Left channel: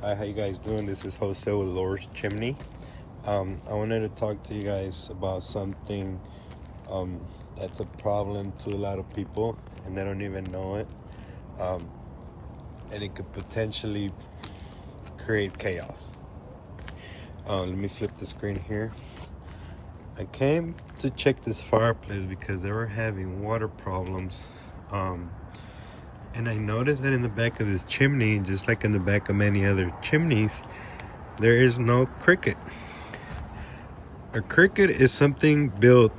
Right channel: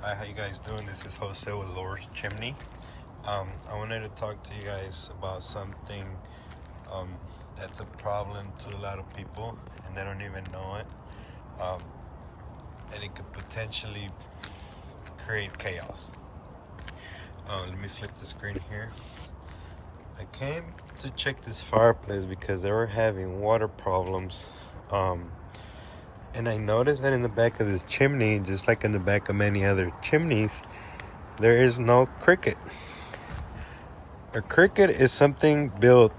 Hi, how you guys doing? This is Jose with Laura's Chimney. I wanted to talk to you guys about something that's a problem to a lot of people and they don't even know it. And it could potentially create chaos. Let me flip the screen here. I came to check this fireplace because they were having water problems. And I noticed that in the back of this chimney, just like in the back of many other chimneys, there is no cricket. A cricket is something built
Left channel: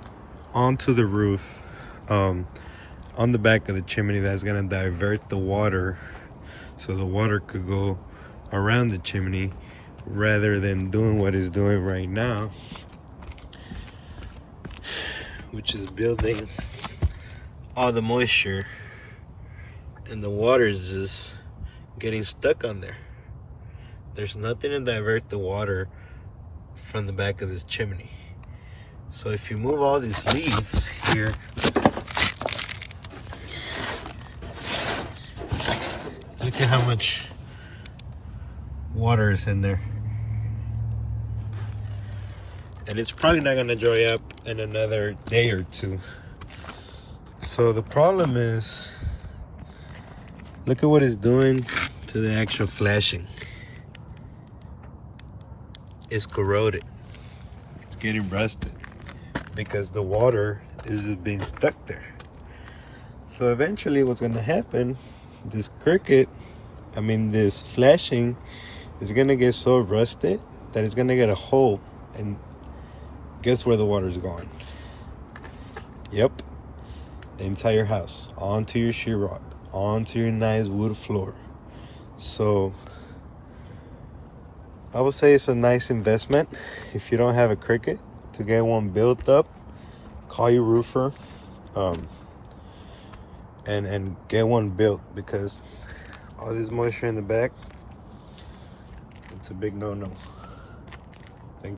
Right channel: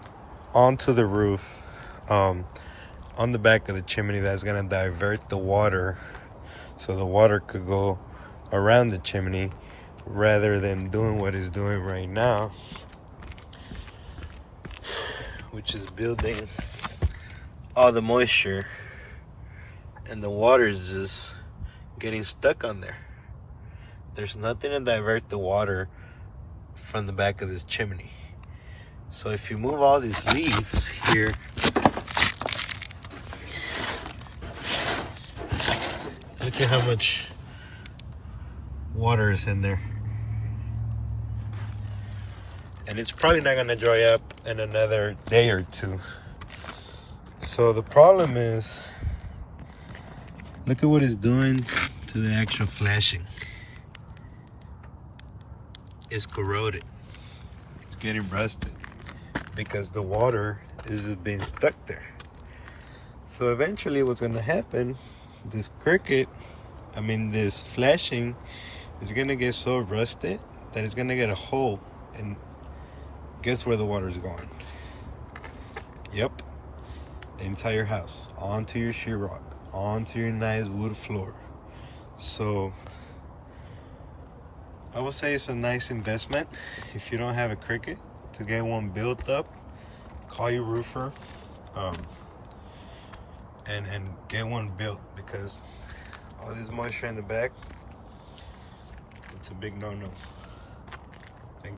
onto the roof, on the back of the chimney, that's gonna divert the water so the water could go around the chimney rather than doing what it's doing right now, which is building all the moisture, and the water is just getting stuck on there. There's nothing to divert the water from the back of this chimney. So if you move all these leaves here, look at how much water is in there. And it's probably not gonna dry up in another day or two. So the problem is, look at what it's doing to the actual flashing. It's corroded. It's getting rusted because the water is being stuck there. So eventually what's gonna happen, this this flashing is gonna get so rusted that it's gonna get a hole, and guess where the water's going? Yep, the entire house, onto your sheetrock, onto your nice wood floor. So I would say it's a nice investment if you don't have a cricket to get one built up. Call your roofer and get one built, because all this moisture in the back, it's a big no-no.